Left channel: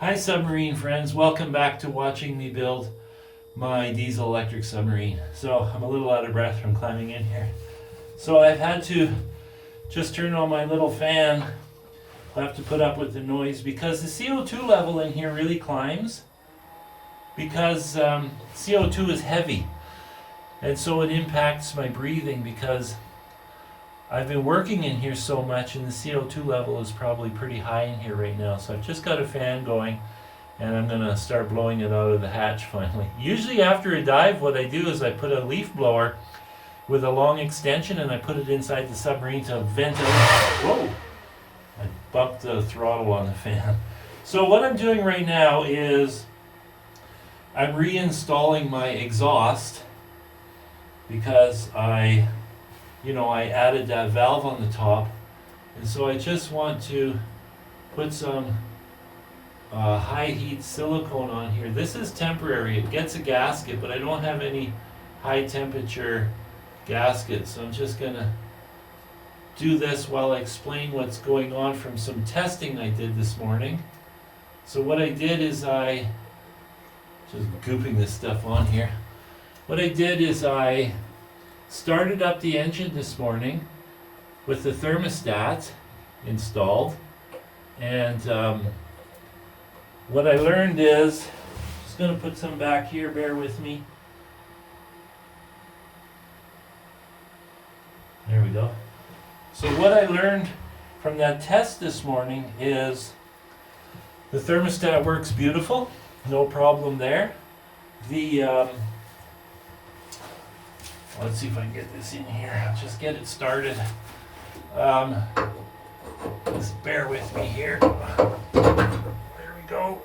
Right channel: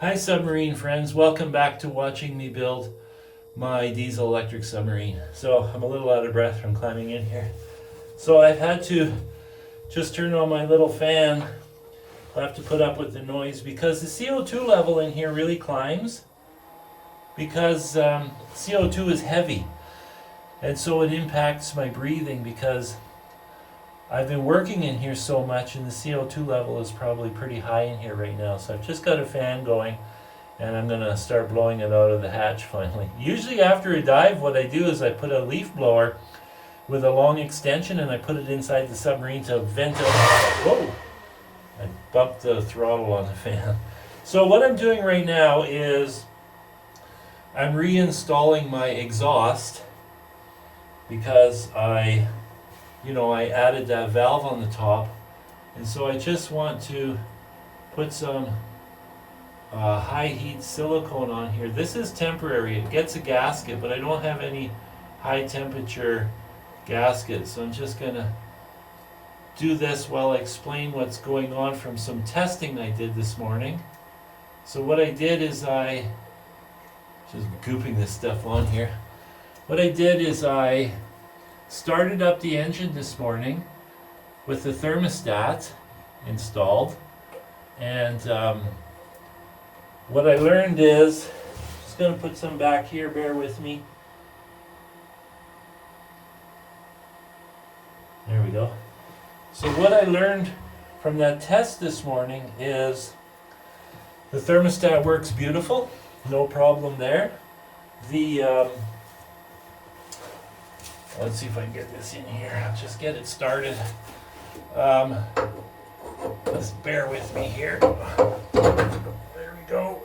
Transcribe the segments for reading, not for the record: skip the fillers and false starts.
Hi submarine friends, welcome back to watching me build my diesel electric submarine. So I'm a little out of breath from climbing in here. So I've had to just turn on my little fan. I'll have to put up with the noise because the CO2 level in here really climbs because CO2 is heavy, and so it impacts my breathing because I've been working in here so much and the CO2 level is probably pretty high in here right now. So I've just got a fan going and I'm going to start blowing it out of the hatch finally. Usually after a dive, what I do is I put a leaf blower with a long extension and I put it inside the submarine to vent it. Whoa! I bumped the throttle on the fan. So what I'm doing right now is I'm reinstalling my exhaust because I added that valve on the top, and so I just want to put some high heat silicone on here. This is temporary. It gets a gasket, but I don't have any high temperature gaskets, so I'm just gonna do this while I explain what's going on from some testing I did this morning. So what I did is I just gooping this stuff on here. What I did is I started up the engine this morning with the thermostat installed, and what I learned is, just going to put some back here, bear with me. There we go. So what I learned from that test this morning is the thermostat works beautiful, no problem there. Let's see if I can get this in here. I'll just get it started. Just bear with me here. There we go.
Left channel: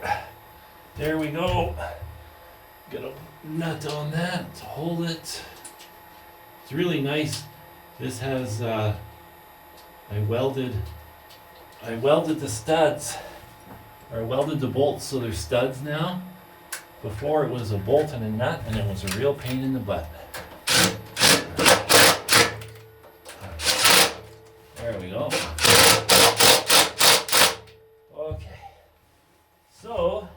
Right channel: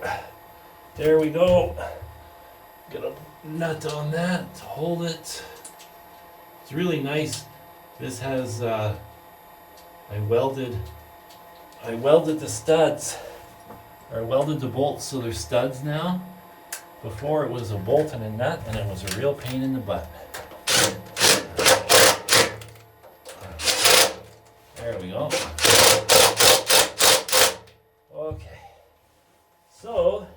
There we go. Get a nut on that to hold it. It's really nice. This has I welded the studs, or welded the bolts so they're studs now. Before it was a bolt and a nut, and it was a real pain in the butt. There we go. Okay. So,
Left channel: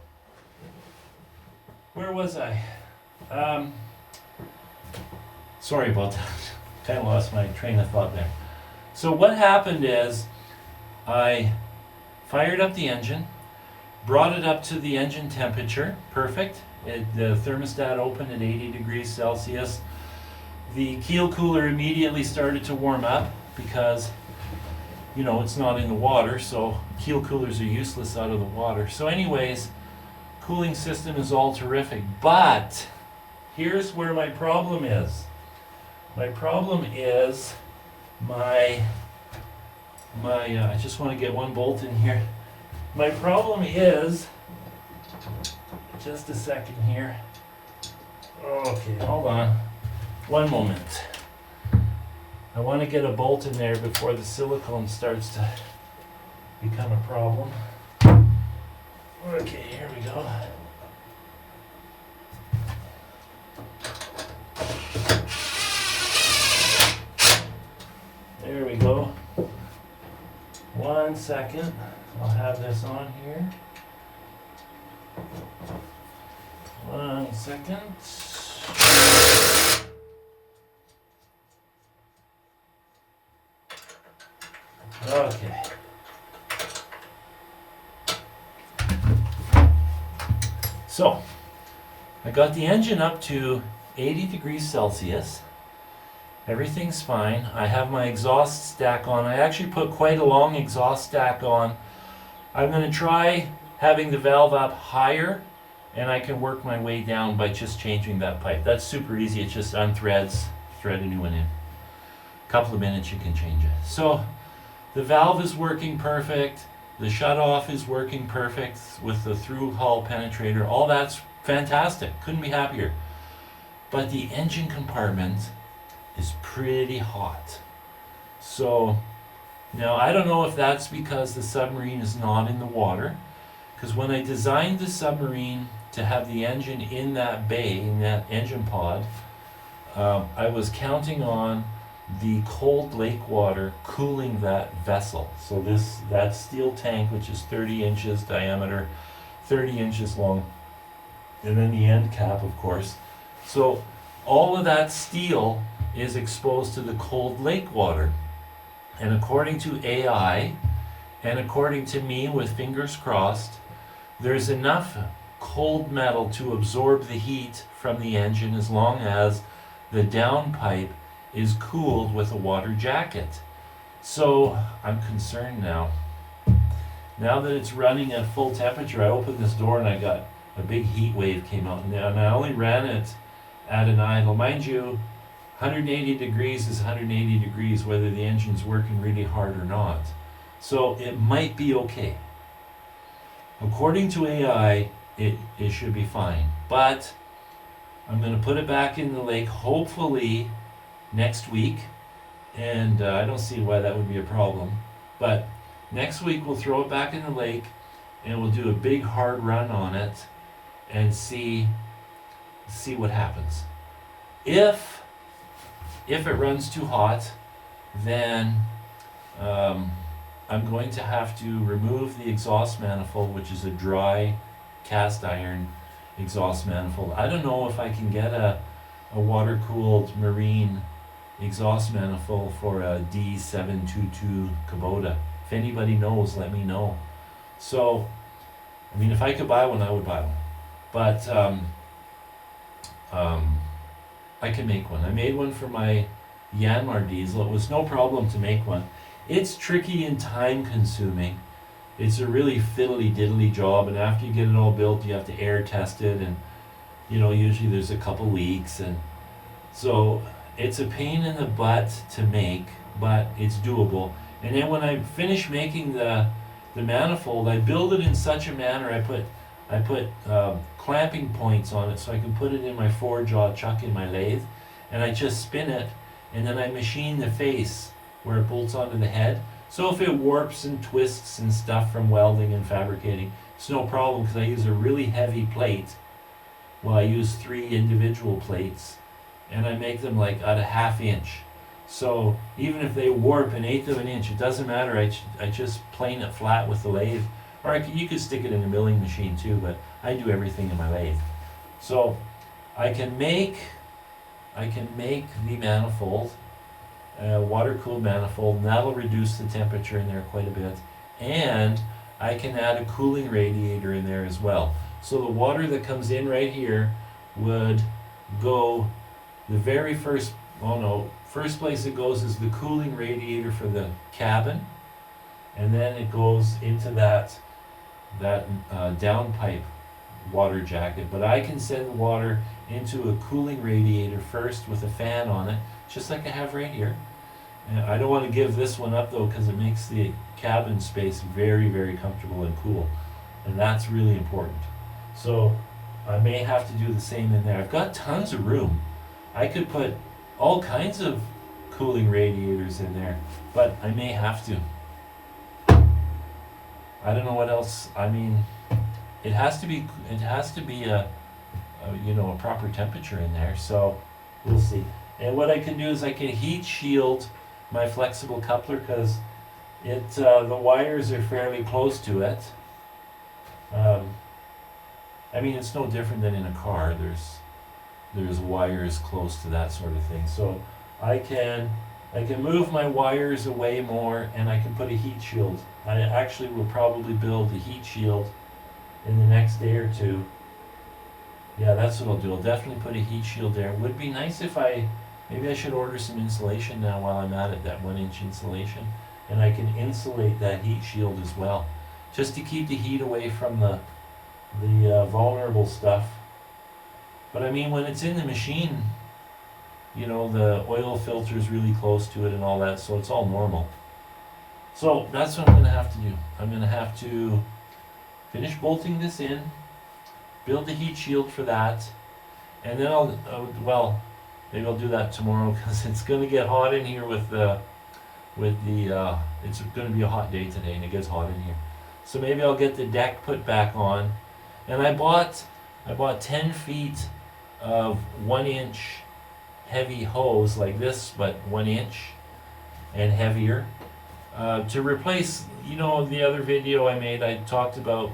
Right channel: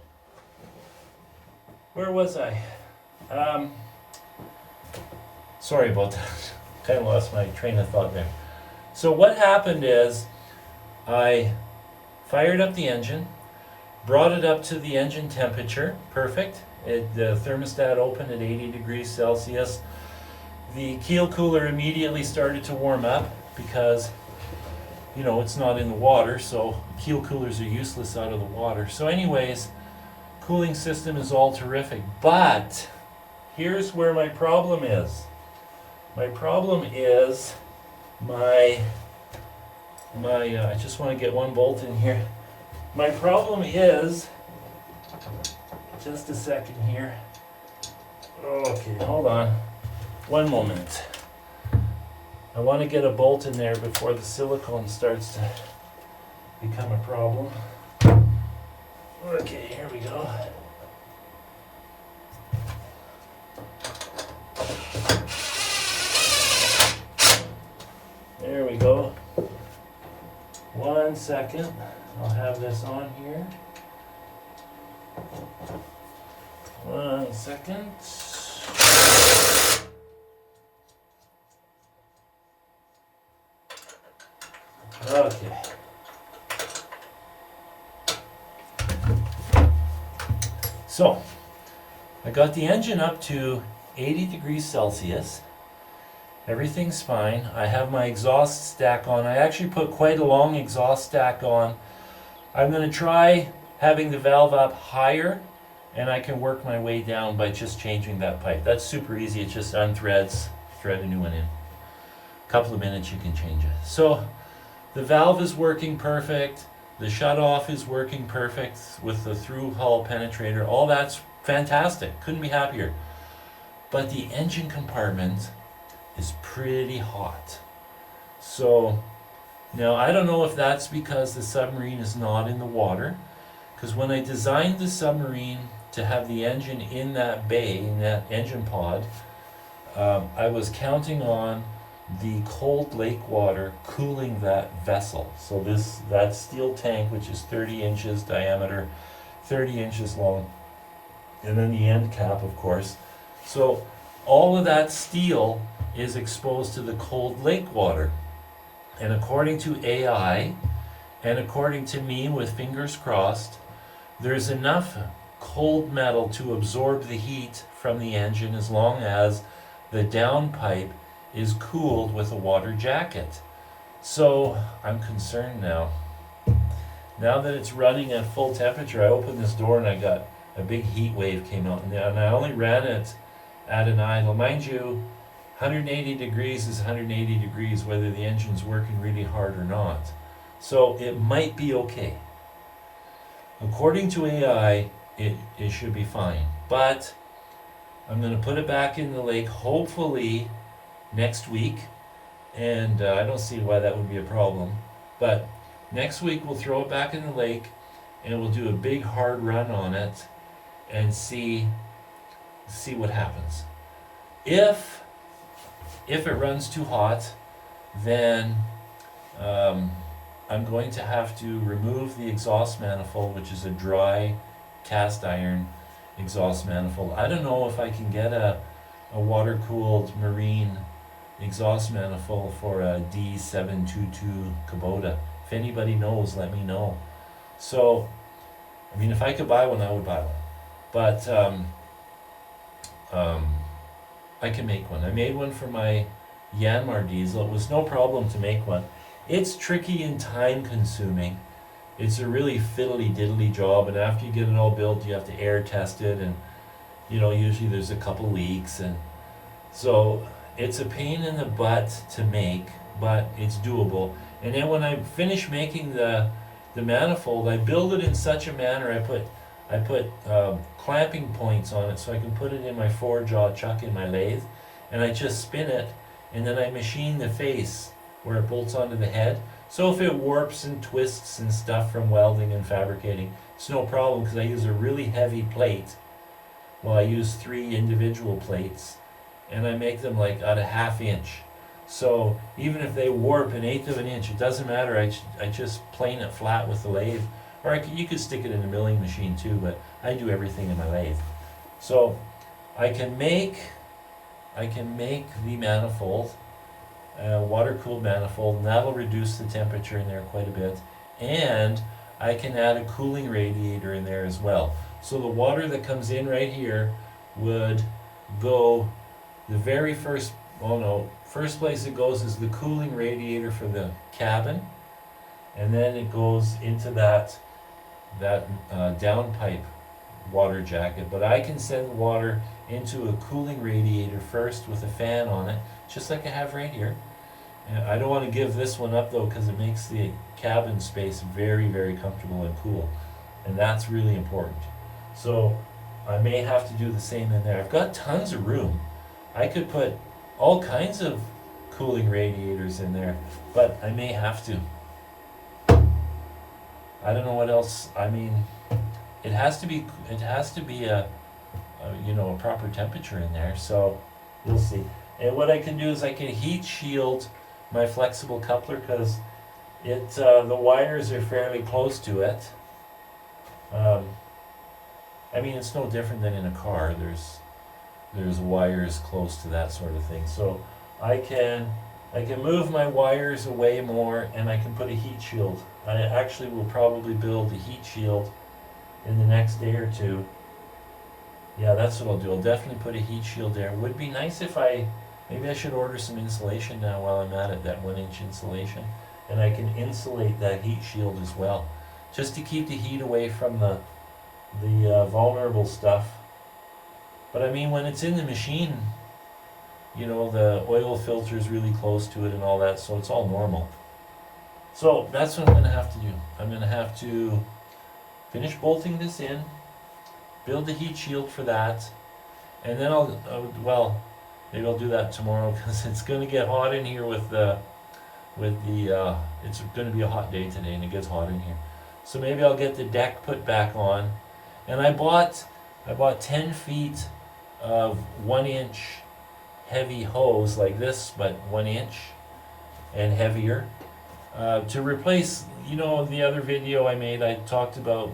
where was I? Sorry about that. Kind of lost my train of thought there. So what happened is I fired up the engine, brought it up to the engine temperature, perfect. The thermostat opened at 80 degrees Celsius. The keel cooler immediately started to warm up because it's not in the water, so keel coolers are useless out of the water. So anyways, cooling system is all terrific, but here's where my problem is. My problem is I just want to get one bolt in here. My problem is, just a second here. Okay, hold on. One moment. I want to get a bolt in there before the silicone starts to become a problem. Okay, here we go. There we go. 1 second. I'll have this on here. 1 second. Okay. So, I got the engine up to 80 degrees Celsius. Everything's fine. I have my exhaust stack on. I actually put quite a long exhaust stack on. I'm going to try having the valve up higher, and I can work my way down by just changing that pipe. That's super easy. It just unthreads, thread a new one in. A couple of minutes you can change it. So the valve is working perfect. The shutoff is working perfect with the through hull penetrator. All that's fantastic. Couldn't be happier. But the engine compartment is pretty hot. So now I don't know if that's because the submarine is not in the water, because when I designed the submarine to have the engine in that bay, in that engine pod, I was counting on the cold lake water cooling that vessel. So that steel tank, which is 30 inches diameter, 30 inches long. And then the end cap, of course. So all of that steel is exposed to the cold lake water. And according to AI, and according to me with fingers crossed, there's enough cold metal to absorb the heat from the engine as long as the downpipe is cooled with a water jacket. So I'm concerned now. Now that it's running at full temperature, I opened this door and I got a big heat wave came out, and I only ran it at an idle. Mind you, 180 degrees is 180 degrees whether the engine's working really hard or not. So it might be okay. According to AI, it should be fine. But I'm going to put it back in the lake hopefully next week. And I don't see why that would be a problem. But next week we'll throw it back in the lake and we'll do a big hard run on it and see what happens. If it runs too hot, then I'm going to have to remove the exhaust manifold, which is a dry cast iron exhaust manifold. I don't know if I can get a water-cooled marine exhaust manifold for a D722 Kubota. If anybody knows, let me know. So, I mean, if I could buy one, I would buy one. But I can make one. I made one for my Yanmar diesel. It was no problem to make one. It's tricky and time consuming. It's a really fiddly diddly job, and after you get it all built, you have to air test it, and usually there's a couple leaks, and so it's a pain in the butt to make, but it's doable. And then when I finish making the manifold, I build it in such a manner, I put clamping points on it so I can put it in my 4-jaw chuck in my lathe, and I just spin it, and then I machine the face where it bolts onto the head. So if it warps and twists and stuff from welding and fabricating, it's no problem because I use a really heavy plate. Well, I use 3 individual plates, and I make them like at a 1/2 inch. So even if they warp 1/8 of an inch, it doesn't matter. I just plane it flat with the lathe. Or you could stick it in a milling machine too, but I do everything in my lathe. So I can make the manifold, water-cooled manifold, and that'll reduce the temperature in there quite a bit. And I can add a cooling radiator in there as well. So the water that comes in right here would go the very first place it goes is the cooling radiator for the cabin, and then it goes into that downpipe water jacket. But I can send water into a cooling radiator first with a fan on it, just like I have right here. And I don't want to give this one up though, because it makes the cabin space very, very comfortable and cool, and that's really important. So I may have to do the same in there. I've got tons of room. I could put all kinds of cooling radiators in there, but I may have to. I don't know what else. I mean, it has to be a proper temperature in there, so we'll see. And what I can do is I can heat shield my flexible coupler, because the wires are fairly close to it. I mean, it's no different than in a car. There's wires close to that sort of thing. So I can move my wires away more, and I can put a heat shield. I actually will probably build a heat shield in the next day or two. Yeah, that's what I'll do. I'll definitely put a heat shield there. It would be nice if maybe I should order some insulation now while I'm at it, that 1-inch insulation. And I can insulate that heat shield as well, just to keep the heat away from the vulnerable stuff. But I mean, when it's in the machine, the oil filter is really close to it and all that, so it's all normal. So that's what I'm going to have to do. I'm going to have to finish bolting this in, build the heat shield for that, and then maybe I'll do that tomorrow, because it's going to get hot in here it's going to be a hot day today, and it gets hot in here. So maybe I'll get the deck put back on. And I bought 10 feet of 1-inch heavy hose like this, but 1 inch and heavier, to replace, the other video I made, I talked about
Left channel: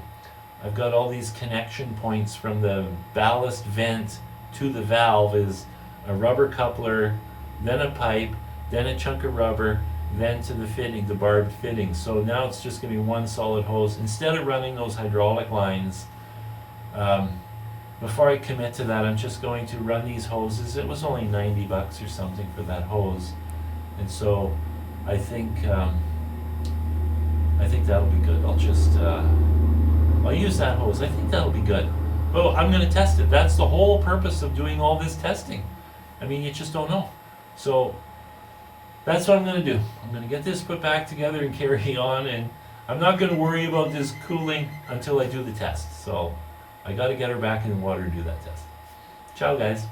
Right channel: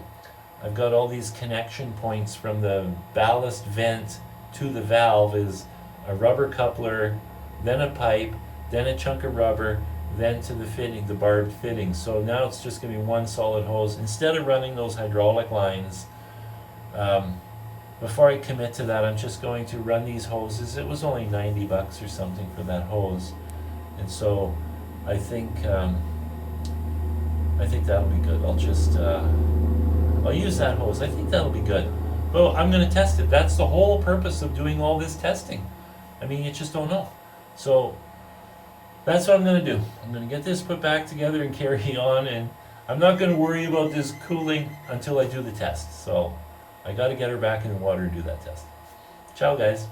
I've got all these connection points from the ballast vent to the valve is a rubber coupler, then a pipe, then a chunk of rubber, then to the fitting, the barbed fitting. So now it's just going to be one solid hose. Instead of running those hydraulic lines, before I commit to that, I'm just going to run these hoses. It was only $90 or something for that hose. And so I think that'll be good. I'll use that hose. I think that'll be good. But I'm going to test it. That's the whole purpose of doing all this testing. I mean, you just don't know. So that's what I'm going to do. I'm going to get this put back together and carry on, and I'm not going to worry about this cooling until I do the test. So I got to get her back in the water to do that test. Ciao, guys.